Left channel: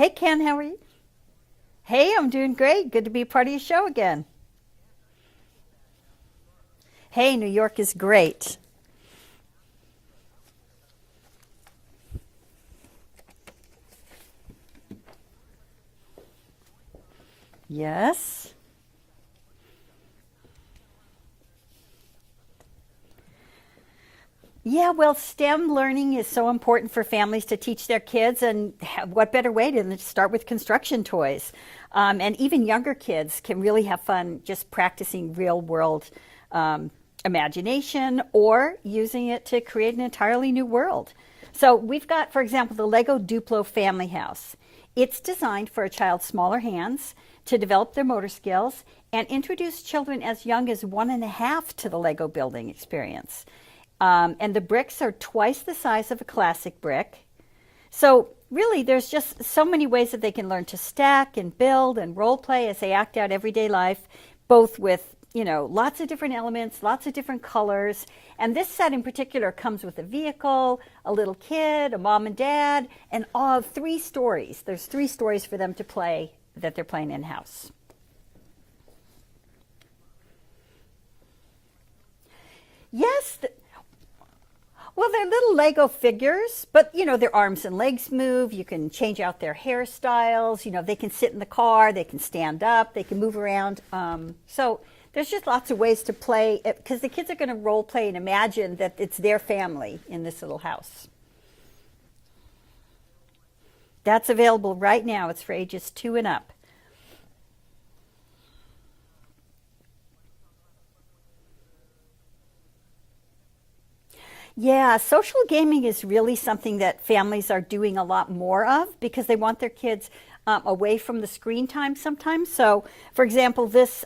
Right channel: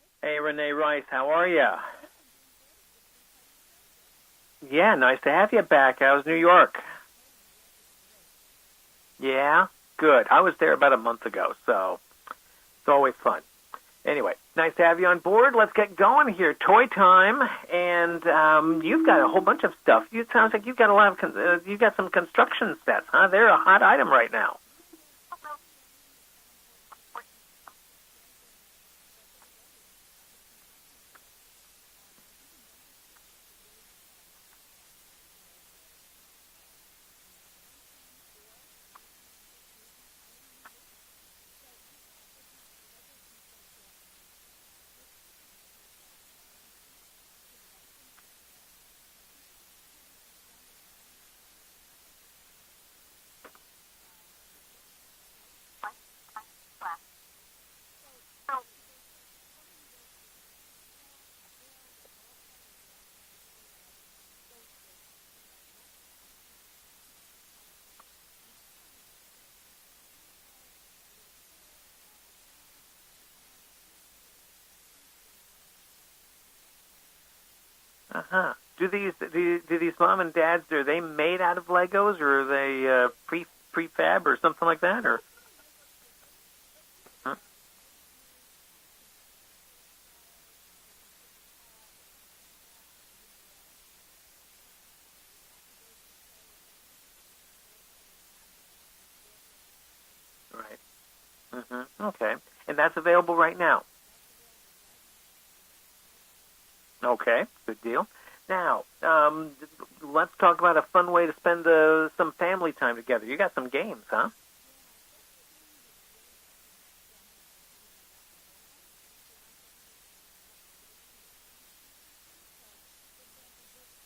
Hey, Hey, Ken, how are Renee you? Rice, how are you? Hey, I'm doing great. Good to be part of your show again. Yeah, nice to have you back. How's New York? Hey, New York is great. Yeah, good. I was there about a month ago, so it's always fun. Anyway, nice to have you on board. Let's get going here. Toy time, and Yes. you've got a whole bunch of stuff. It sounds like you've got a lot of you've got some construction sets, huh? They're a hot item right now. Yeah, well, STEM learning is so important for families to teach their kids, and what better way than to start with construction toys? And even younger kids can really have fun just practicing real world um, imagination or using it to create an entirely new world. So we've got, for example, the Lego Duplo Family House. It's designed for a child's smaller hands to develop their motor skills and introduce children as young as 1.5 to the Lego building experience. And the bricks are twice the size of a classic brick. So really, there's just so many ways that they can learn to stack and build and role play as they act out everyday life, both with lots of different elements, lots of different colors. And this set in particular comes with a vehicle, a little kid, a mom and dad, and all 3 stories. There's 3 stories for them to play that they're playing in house. Uh-huh. Do these mom and dads, are they made out of Legos, or are they Yes, prefab or something like that? well, Or they're little Lego figures, but their arms and legs move. You can change out their hairstyles. They can sit in the car, they can stand up, they can move around. So there's just lots of ways to play because the kids are going to role play and imagine that it's their family in this little house. Okay, and that's available right now. That's available right now. It's for ages 2 and up. Okay, good deal. Now, let's talk about a fun way to spend some family time together. You got some games, huh? Yeah, social gaming is really something that families are doing a lot more of because they want their kids away from the screen time sometimes. So, for example, this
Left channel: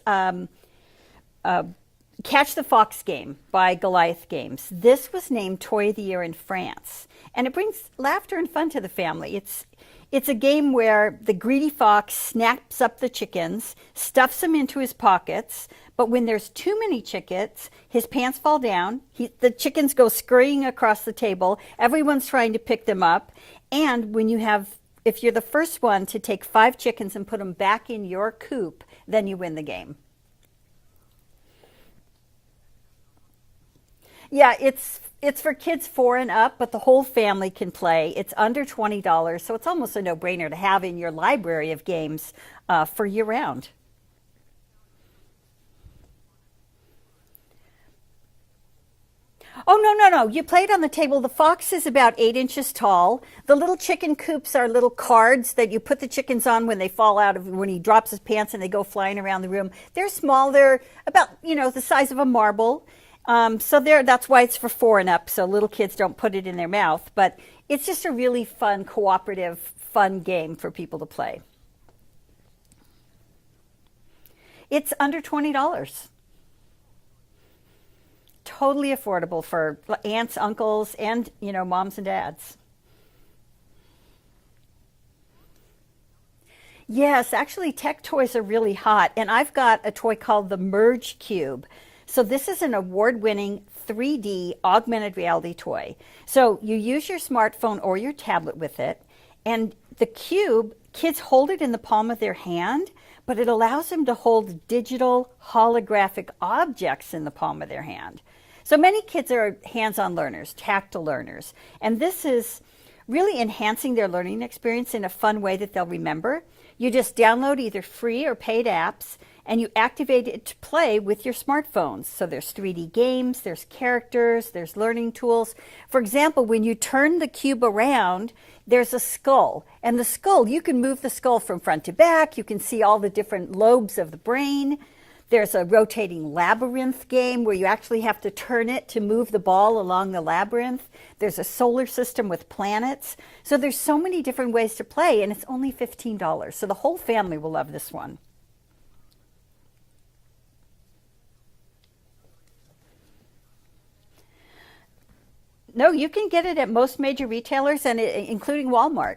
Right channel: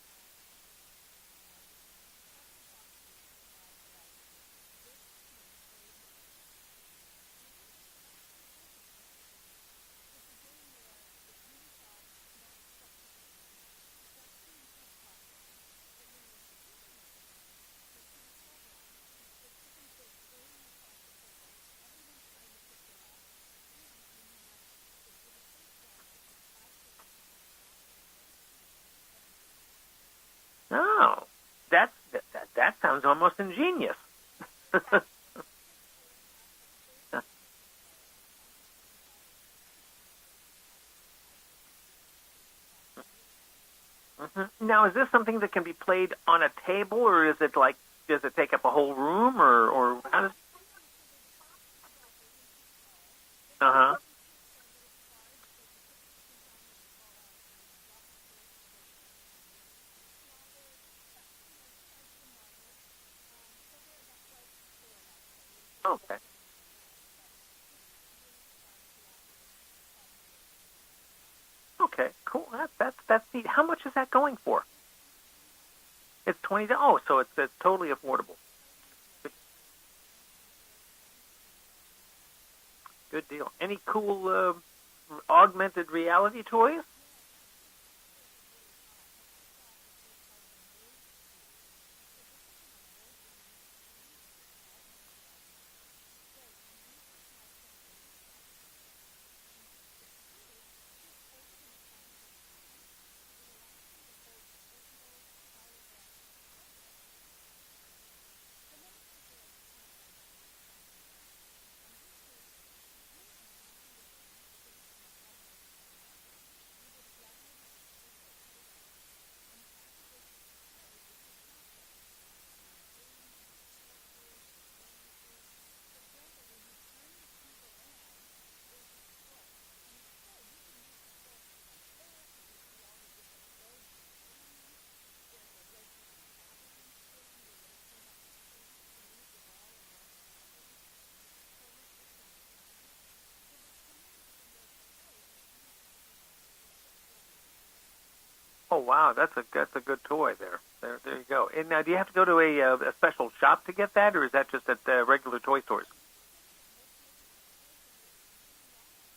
Catch the Fox game by Goliath Games. This was named Toy of the Year in France, and it brings laughter and fun to the family. It's a game where the greedy fox snaps up the chickens, stuffs them into his pockets, but when there's too many chickens, his pants fall down. The chickens go scurrying across the table. Everyone's trying to pick them up, and if you're the first one to take 5 chickens and put them back in your coop, then you win the game. Oh, that sounds almost ingenious. Yeah, it's for kids 4 and up, but the whole family can play. It's under $20, so it's almost a no-brainer to have in your library of games for year-round. Now, is this something that can be played on a table, or does it take up a whole room, or? Oh, no. You play it on the table. The fox is about 8 inches tall. The little Uh-huh. chicken coops are little cards that you put the chickens on when they fall out of, when he drops his pants and they go flying around the room. They're small. They're about, the size of a marble. That's why it's for 4 and up, so little kids don't Okay. put it in their mouth. But it's just a really fun, cooperative, fun game for people to play. Okay, cool. That's neat. How much is that going for? It's under $20. It's 20. Oh, so it's totally affordable. Totally affordable for aunts, uncles, and moms and dads. Good deal. Any cool augmented reality toys? Yes, actually, tech toys are really hot, and I've got a toy called the Merge Cube. So this is an award-winning 3D augmented reality toy. So you use your smartphone or your tablet with it, and the cube, kids hold it in the palm of their hand, but it allows them to hold digital holographic objects in the palm of their hand. So many kids are hands-on learners, tactile learners, and this is really enhancing their learning experience in a fun way that they'll remember. You just download either free or paid apps, and you activate it to play with your smartphones. So there's 3D games, there's characters, there's learning tools. For example, when you turn the cube around, there's a skull. And the skull, you can move the skull from front to back. You can see all the different lobes of the brain. There's a rotating labyrinth game where you actually have to turn it to move the ball along the labyrinth. There's a solar system with planets. So there's so many different ways to play, and it's only $15. So the whole family will love this one. Oh, wow, that's a good toy there. There you go. And now, do you have to go to a special shop to get that, or is that just at regular toy stores? No, you can get it at most major retailers, and including Walmart.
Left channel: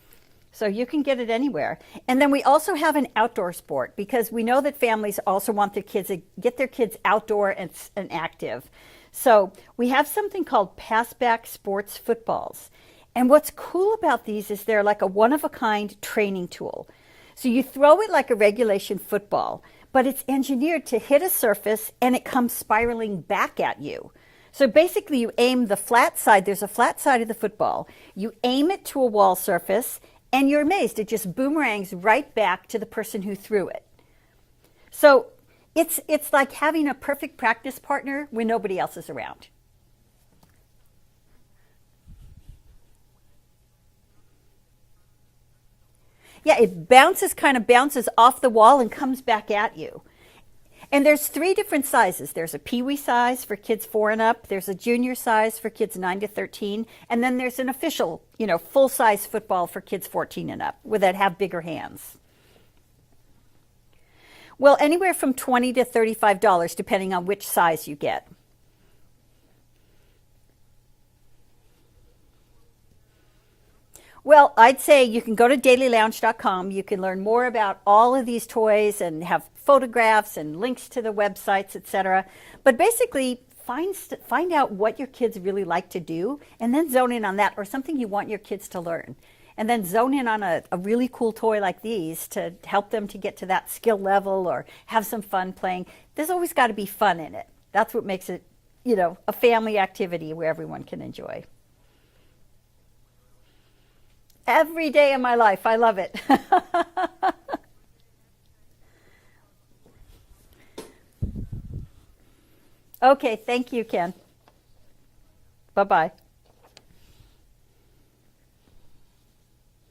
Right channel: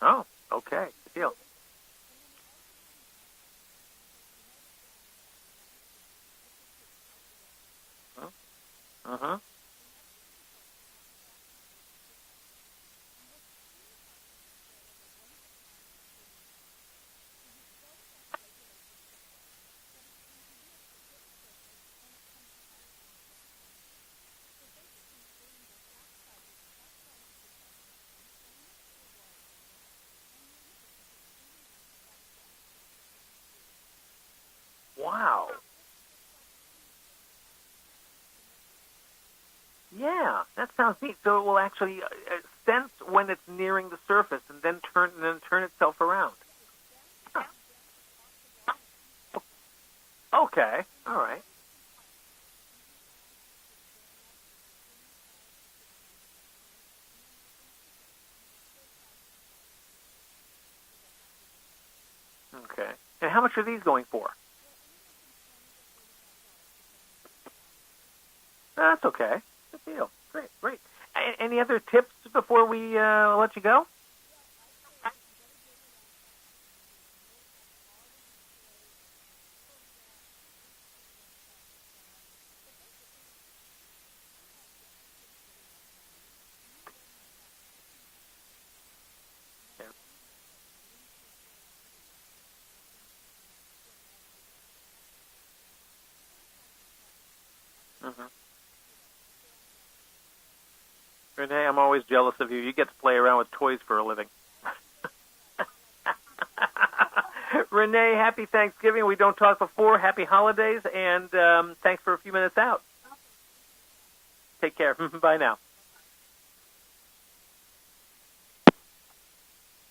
Oh, okay. So you can get it Yeah. anywhere. And then we also have an outdoor sport because we know that families also want their kids to get their kids outdoor and active. So we have something called passback sports footballs. And what's cool about these is they're like a one-of-a-kind training tool. So you throw it like a regulation football, but it's engineered to hit a surface and it comes spiraling back at you. So basically you aim the flat side, there's a flat side of the football, you aim it to a wall surface and you're amazed, it just boomerangs right back to the person who threw it. So Wow. it's like having a perfect practice partner when nobody else is around. Yeah, that sounds neat. So it will actually sense when it's nearing the surface and then turn itself around. Yeah, it kind of bounces off the wall and comes back at you. Okay. And there's All right. 3 different sizes. There's a peewee size for kids 4 and up. There's a junior size for kids 9 to 13. And then there's an official, full-size football for kids 14 and up that have bigger hands. Okay. And how much are these going for? Well, anywhere from $20 to $35, depending on which size you get. That's okay. Good deal. Great. Any other tips before we let you go? Well, I'd say you can go to dailylounge.com. You can learn more about all of these toys and have photographs and links to the websites, etc. But basically, find out what your kids really like to do and then zone in on that, or something you want your kids to learn. And then zone in on a really cool toy like these to help them to get to that skill level or have some fun playing. There's always got to be fun in it. That's what makes it, a family activity where everyone can enjoy. Renee, I'm always jealous of you. You get to play around with toys for a living. Every day of my life. I love it. Renee, happy Thanksgiving. We don't talk before. Happy holidays, and thanks for a few minutes out. Okay, thank you, Ken. Take care. Bye now. Bye-bye.